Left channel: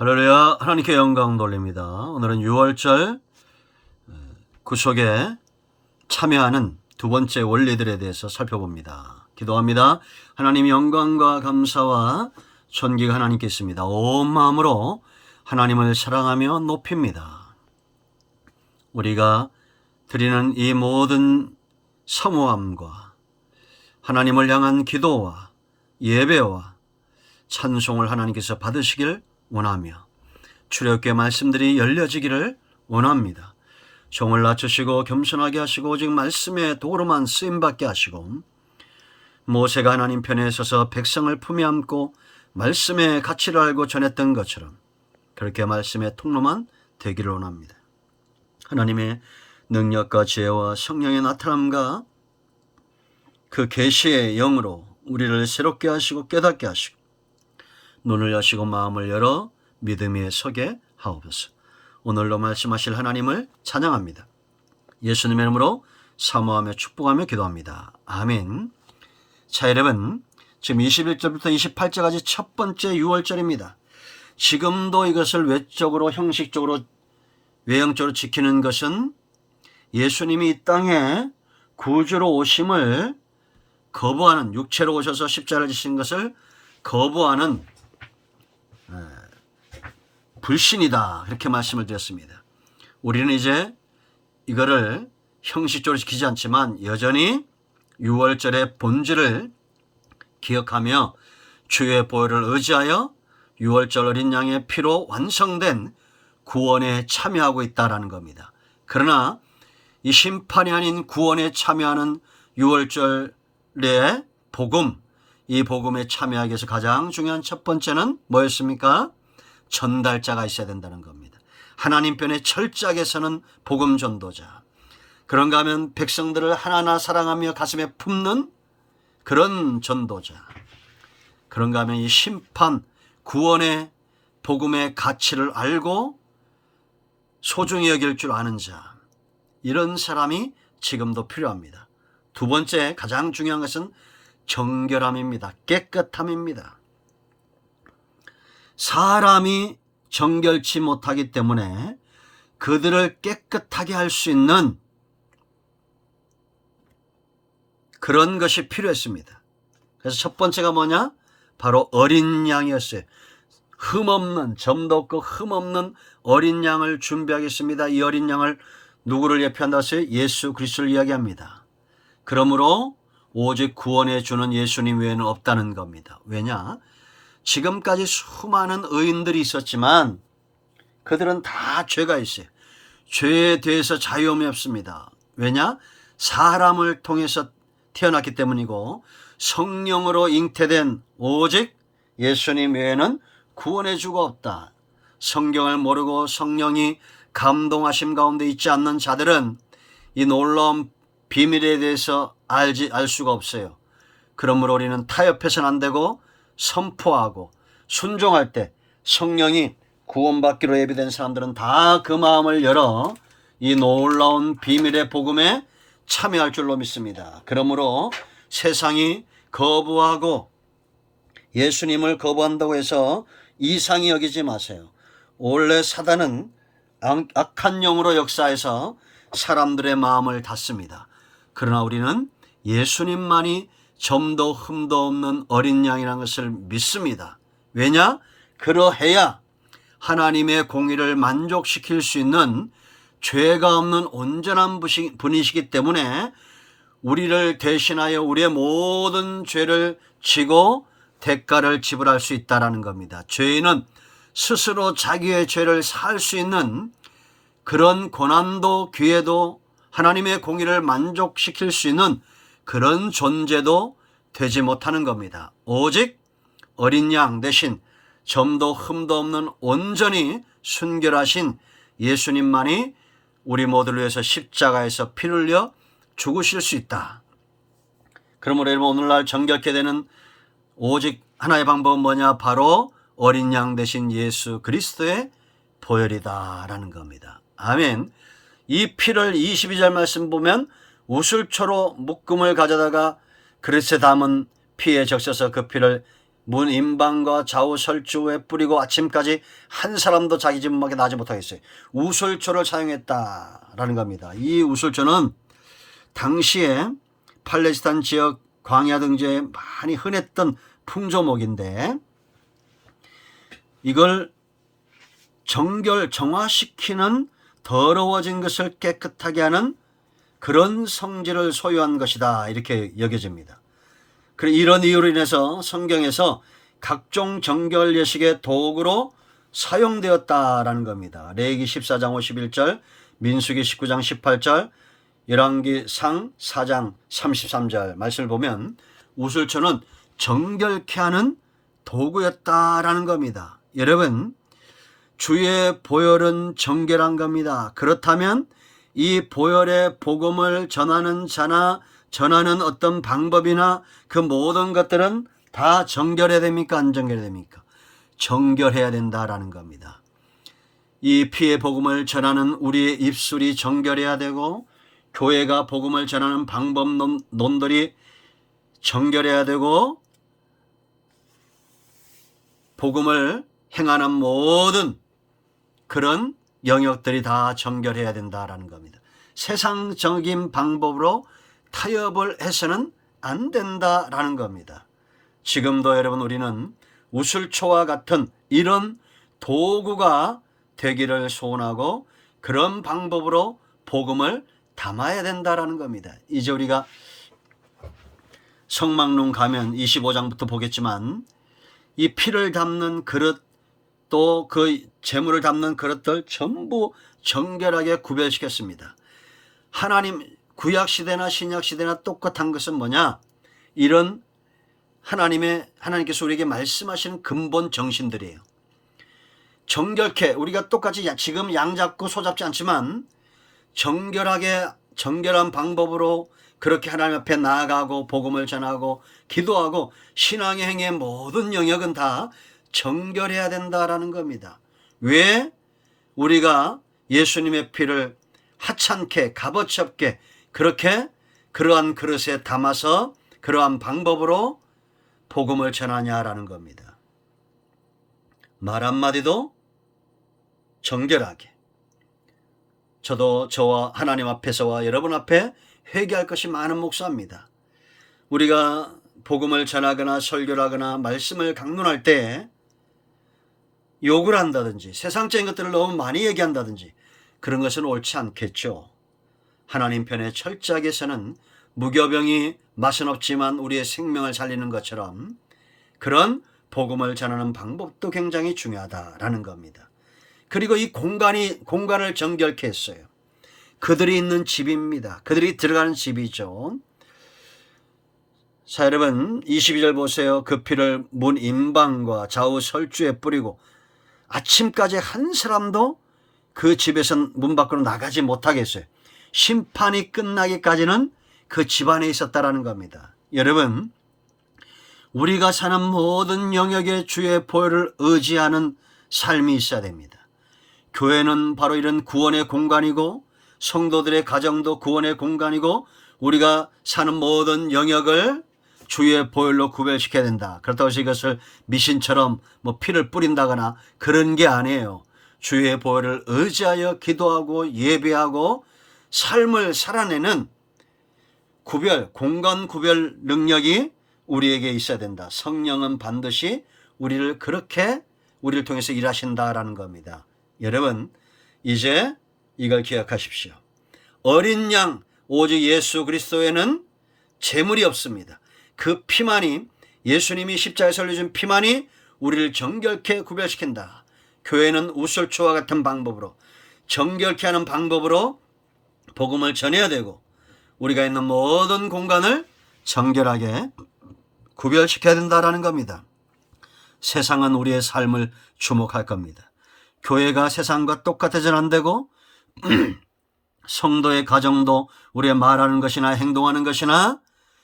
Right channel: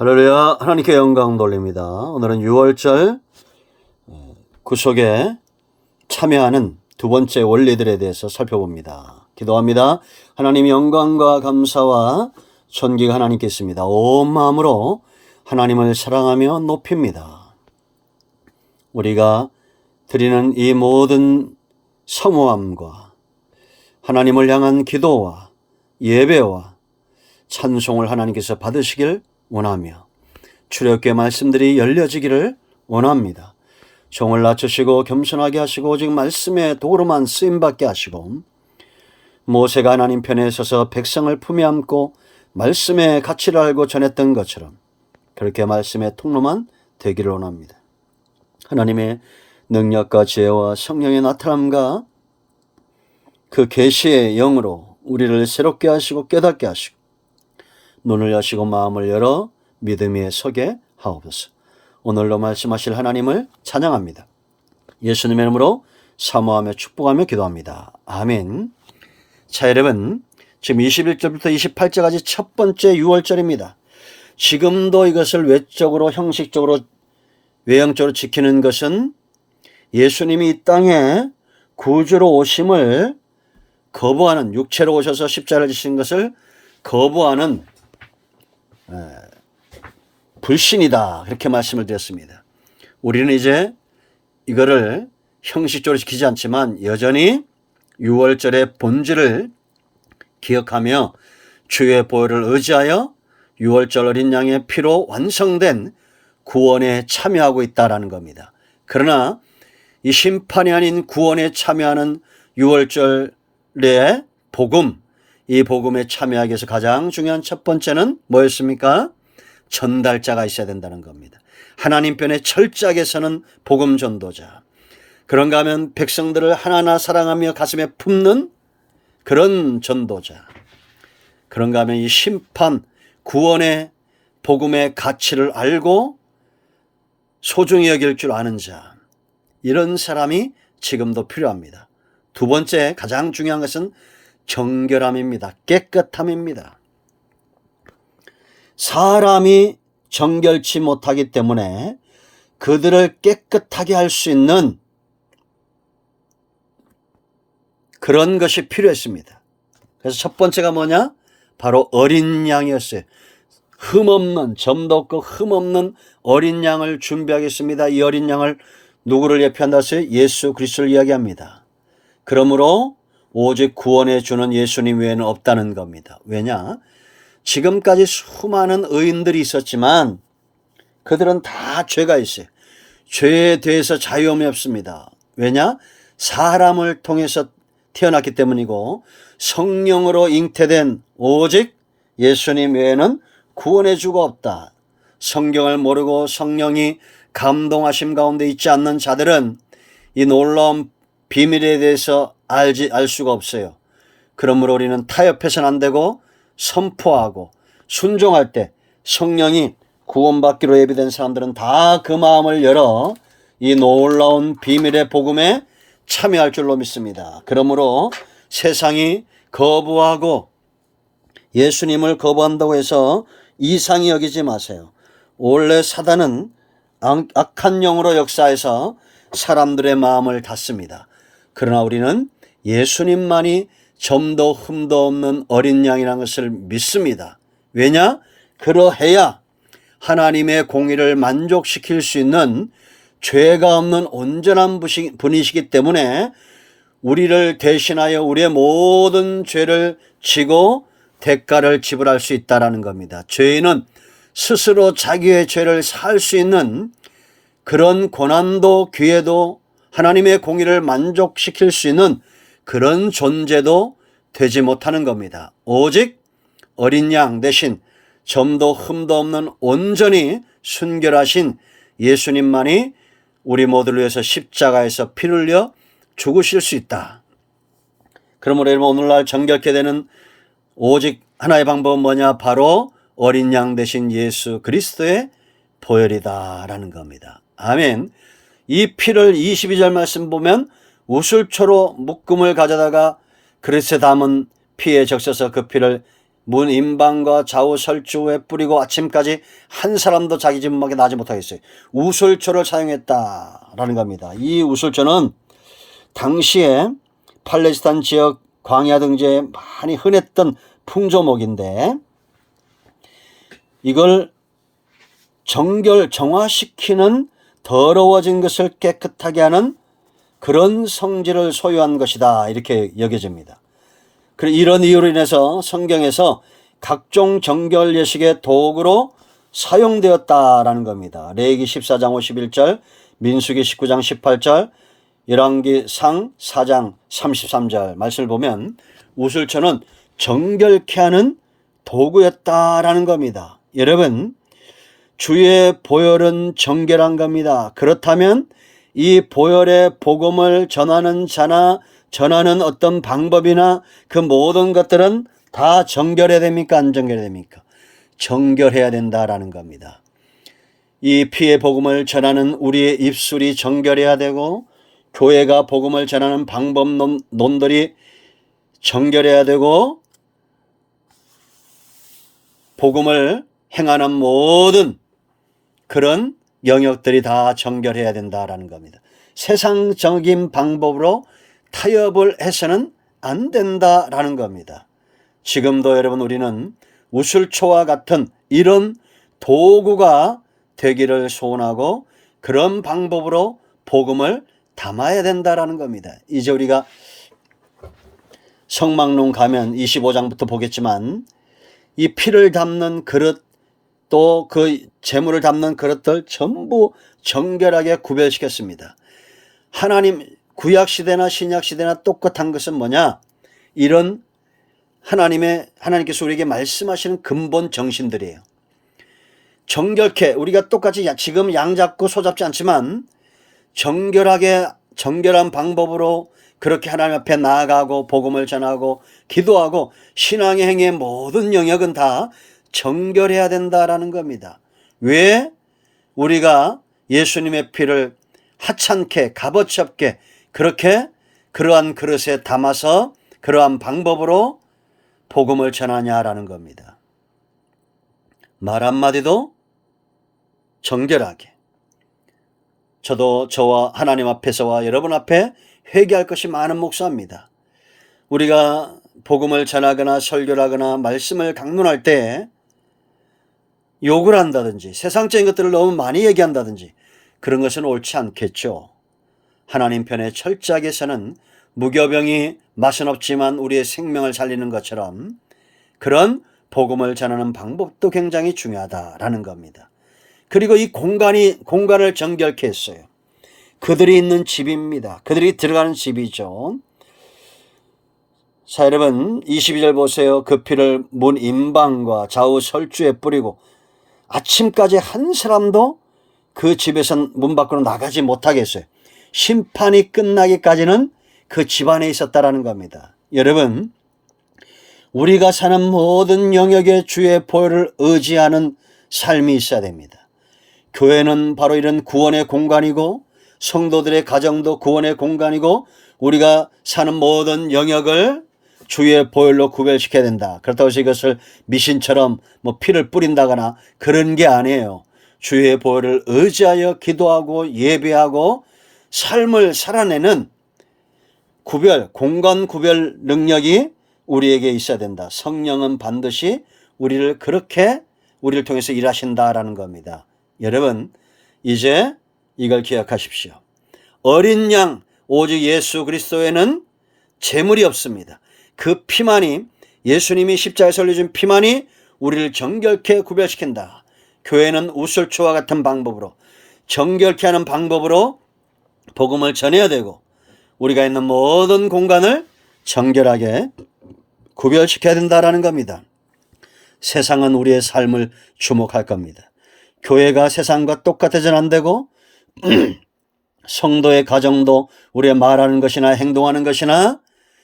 할렐루야. 하나님께 영광 돌립니다. 오늘은 6월절 구속에 참여하는 두 번째 원리들에 대해서 살펴봅니다. 기도합니다. 하나님, 영광과 감사와 존귀가 하나님께 있습니다. 온 마음으로 하나님을 사랑하며 높입니다. 우리가 드리는 이 모든 사모함과 하나님을 향한 기도와 예배와 찬송을 하나님께서 받으시길 원하며 출애굽기의 말씀들이 열려지기를 원합니다. 종을 낮추시고 겸손하게 하시고 오직 말씀의 도로만 쓰임받게 하시고, 모세가 하나님 편에 서서 백성을 품에 안고 말씀의 가치를 알고 전했던 것처럼 그렇게 말씀의 통로만 되기를 원합니다. 하나님의 능력과 지혜와 성령의 나타남과 그 계시의 영으로 우리를 새롭게 하시고 깨닫게 하시고 눈을 여시고 마음을 열어 믿음 위에 서게 하옵소서. 오늘로 말씀하실 하나님을 찬양합니다. 예수님의 이름으로 사모하며 축복하며 기도합니다. 아멘. 자, 여러분, 지금 21절부터 28절까지 첫 번째 6월절입니다. 지금도 이것을 외적으로 형식적으로 외형적으로 지키는 것은 예수님이 이 땅에 구주로 오심을 거부하는, 육체로 오셔서 십자가를 지신 것을 거부하는 불신이다, 그렇게 말씀을 드렸습니다. 우리는 이제 이거를 형식적으로 지키지 않지만 여전히 6월절의 본질을 기억하며 주의 보혈을 의지하여 6월절 어린 양의 피로 완성된 구원에 참여하고 있다라는 겁니다. 그러나 이 심판이 아닌 구원에 참여하는 6월절의 복음, 이 복음에 참여하기 위해서 가장 중요한 첫 번째는 뭐였습니까? 전달자가 있어야 된다는 겁니다. 하나님 편에 철저하게 서는 복음 전도자. 그런가 하면 백성들을 하나하나 사랑하며 가슴에 품는 그런 전도자. 그런가 하면 이 심판, 구원의 복음의 가치를 알고 소중히 여길 줄 아는 자. 이런 사람이 지금도 필요합니다. 두 번째 가장 중요한 것은 정결함입니다. 깨끗함입니다. 사람이 정결치 못하기 때문에 그들을 깨끗하게 할 수 있는 그런 것이 필요했습니다. 그래서 첫 번째가 뭐냐? 바로 어린 양이었어요. 흠없는, 점도 없고 흠없는 어린 양을 준비하겠습니다. 이 어린 양을 누구를 예표한다고 했어요? 예수 그리스도를 이야기합니다. 그러므로 오직 구원해 주는 예수님 외에는 없다는 겁니다. 왜냐? 지금까지 수많은 의인들이 있었지만 그들은 다 죄가 있어요. 죄에 대해서 자유함이 없습니다. 왜냐? 사람을 통해서 태어났기 때문이고 성령으로 잉태된 오직 예수님 외에는 구원해 주가 없다. 성경을 모르고 성령이 감동하심 가운데 있지 않는 자들은 이 놀라운 비밀에 대해서 알 수가 없어요. 그러므로 우리는 타협해서는 안 되고 선포하고 순종할 때 성령이 구원받기로 예비된 사람들은 다 그 마음을 열어 이 놀라운 비밀의 복음에 참여할 줄로 믿습니다. 그러므로 세상이 거부하고 예수님을 거부한다고 해서 이상히 여기지 마세요. 원래 사단은 악한 영으로 역사해서 사람들의 마음을 닫습니다. 그러나 우리는 예수님만이 점도 흠도 없는 어린 양이라는 것을 믿습니다. 왜냐? 그러해야 하나님의 공의를 만족시킬 수 있는 죄가 없는 온전한 분이시기 때문에 우리를 대신하여 우리의 모든 죄를 지고 대가를 지불할 수 있다는 겁니다. 죄인은 스스로 자기의 죄를 살 수 있는 그런 고난도 기회도 하나님의 공의를 만족시킬 수 있는 그런 존재도 되지 못하는 겁니다. 오직 어린 양 대신 점도 흠도 없는 온전히 순결하신 예수님만이 우리 모두를 위해서 십자가에서 피를 흘려 죽으실 수 있다. 그러므로 여러분, 오늘날 정결케 되는 오직 하나의 방법은 뭐냐? 바로 어린 양 대신 예수 그리스도의 보혈이다라는 겁니다. 아멘. 이 피를 22절 말씀 보면 우슬초로 묶음을 가져다가 그릇에 담은 피에 적셔서 그 피를 문 임방과 좌우 설주에 뿌리고 아침까지 한 사람도 자기 집 밖에 나지 못하겠어요. 우슬초를 사용했다라는 겁니다. 이 우슬초는 당시에 팔레스타인 지역 광야 등지에 많이 흔했던 풍조목인데 이걸 정화시키는 더러워진 것을 깨끗하게 하는 그런 성질을 소유한 것이다 이렇게 여겨집니다. 이런 이유로 인해서 성경에서 각종 정결 예식의 도구로 사용되었다라는 겁니다. 레위기 14장 51절, 민수기 19장 18절, 열왕기상 4장 33절 말씀을 보면 우슬초는 정결케 하는 도구였다라는 겁니다. 여러분, 주의 보혈은 정결한 겁니다. 그렇다면 이 보혈의 복음을 전하는 자나 전하는 어떤 방법이나 그 모든 것들은 다 정결해야 됩니까? 안 정결해야 됩니까? 정결해야 된다라는 겁니다. 이 피의 복음을 전하는 우리의 입술이 정결해야 되고 교회가 복음을 전하는 방법론들이 정결해야 되고 복음을 행하는 모든 그런 영역들이 다 정결해야 된다라는 겁니다. 세상적인 방법으로 타협을 해서는 안 된다라는 겁니다. 지금도 여러분 우리는 우슬초와 같은 이런 도구가 되기를 소원하고 그런 방법으로 복음을 담아야 된다라는 겁니다. 이제 우리가 성막론 가면 25장부터 보겠지만 이 피를 담는 그릇 또 그 제물을 담는 그릇들 전부 정결하게 구별시켰습니다. 하나님 구약시대나 신약시대나 똑같은 것은 뭐냐? 이런 하나님께서 우리에게 말씀하시는 근본 정신들이에요. 정결케 우리가 똑같이 지금 양 잡고 소 잡지 않지만 정결한 방법으로 그렇게 하나님 앞에 나아가고 복음을 전하고 기도하고 신앙의 행위의 모든 영역은 다 정결해야 된다라는 겁니다. 왜 우리가 예수님의 피를 하찮게 값어치 없게 그렇게 그러한 그릇에 담아서 그러한 방법으로 복음을 전하냐라는 겁니다. 말 한마디도 정결하게. 저도 저와 하나님 앞에서와 여러분 앞에 회개할 것이 많은 목사입니다. 우리가 복음을 전하거나 설교를 하거나 말씀을 강론할 때 욕을 한다든지 세상적인 것들을 너무 많이 얘기한다든지 그런 것은 옳지 않겠죠. 하나님 편에 철저하게 서는 무교병이 맛은 없지만 우리의 생명을 살리는 것처럼 그런 복음을 전하는 방법도 굉장히 중요하다라는 겁니다. 그리고 이 공간을 정결케 했어요. 그들이 있는 집입니다. 그들이 들어가는 집이죠. 자, 여러분 22절 보세요. 그 피를 문 임방과 좌우 설주에 뿌리고 아침까지 한 사람도 그 집에서 문 밖으로 나가지 못하게 했어요. 심판이 끝나기까지는 그 집 안에 있었다라는 겁니다. 여러분, 우리가 사는 모든 영역에 주의 보혈을 의지하는 삶이 있어야 됩니다. 교회는 바로 이런 구원의 공간이고 성도들의 가정도 구원의 공간이고 우리가 사는 모든 영역을 주의 보혈로 구별시켜야 된다. 그렇다고 해서 이것을 미신처럼 피를 뿌린다거나 그런 게 아니에요. 주의 보혈을 의지하여 기도하고 예배하고 삶을 살아내는 공간 구별 능력이 우리에게 있어야 된다. 성령은 반드시 우리를 통해서 일하신다라는 겁니다. 여러분, 이제 이걸 기억하십시오. 어린 양, 오직 예수 그리스도에는 재물이 없습니다. 그 피만이, 예수님이 십자가에서 흘려준 피만이 우리를 정결케 구별시킨다. 교회는 우슬초와 같은 방법으로 정결케 하는 방법으로 복음을 전해야 되고 우리가 있는 모든 공간을 정결하게 구별시켜야 된다라는 겁니다. 세상은 우리의 삶을 주목할 겁니다. 교회가 세상과 똑같아서는 안 되고 성도의 가정도 우리의 말하는 것이나 행동하는 것이나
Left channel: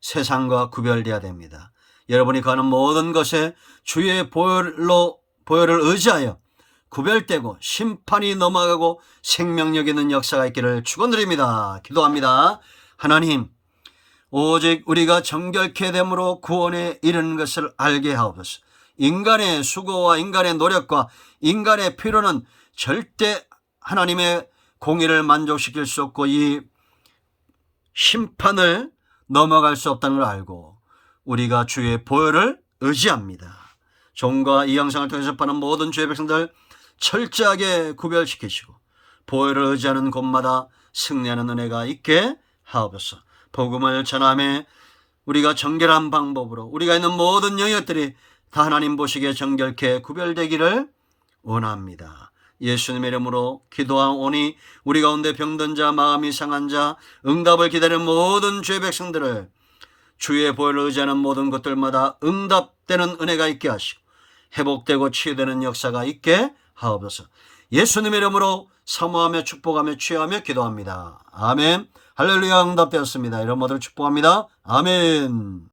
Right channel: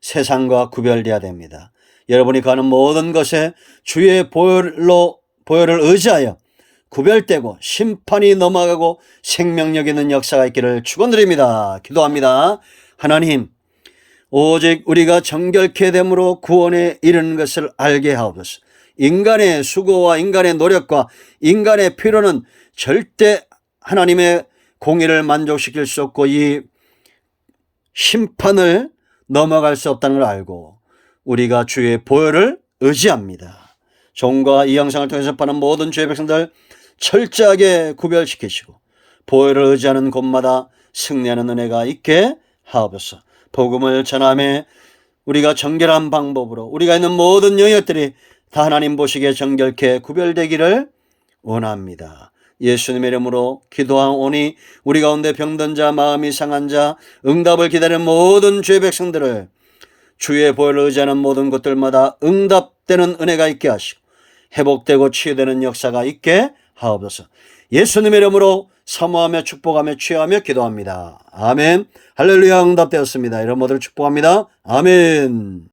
세상과 구별돼야 됩니다. 여러분이 가는 모든 것에 주의 보혈을 의지하여 구별되고 심판이 넘어가고 생명력 있는 역사가 있기를 축원드립니다. 기도합니다. 하나님, 오직 우리가 정결케 됨으로 구원에 이르는 것을 알게 하옵소서. 인간의 수고와 인간의 노력과 인간의 필요는 절대 하나님의 공의를 만족시킬 수 없고 이 심판을 넘어갈 수 없다는 걸 알고 우리가 주의 보혈을 의지합니다. 종과 이 영상을 통해서 접하는 모든 주의 백성들 철저하게 구별시키시고 보혈을 의지하는 곳마다 승리하는 은혜가 있게 하옵소서. 복음을 전함에 우리가 정결한 방법으로 우리가 있는 모든 영역들이 다 하나님 보시기에 정결케 구별되기를 원합니다. 예수님의 이름으로 기도하오니 우리 가운데 병든 자, 마음이 상한 자, 응답을 기다리는 모든 주의 백성들을 주의 보혈을 의지하는 모든 것들마다 응답되는 은혜가 있게 하시고 회복되고 치유되는 역사가 있게 하옵소서. 예수님의 이름으로 사모하며 축복하며 취하며 기도합니다. 아멘. 할렐루야. 응답되었습니다. 이런 모두를 축복합니다. 아멘.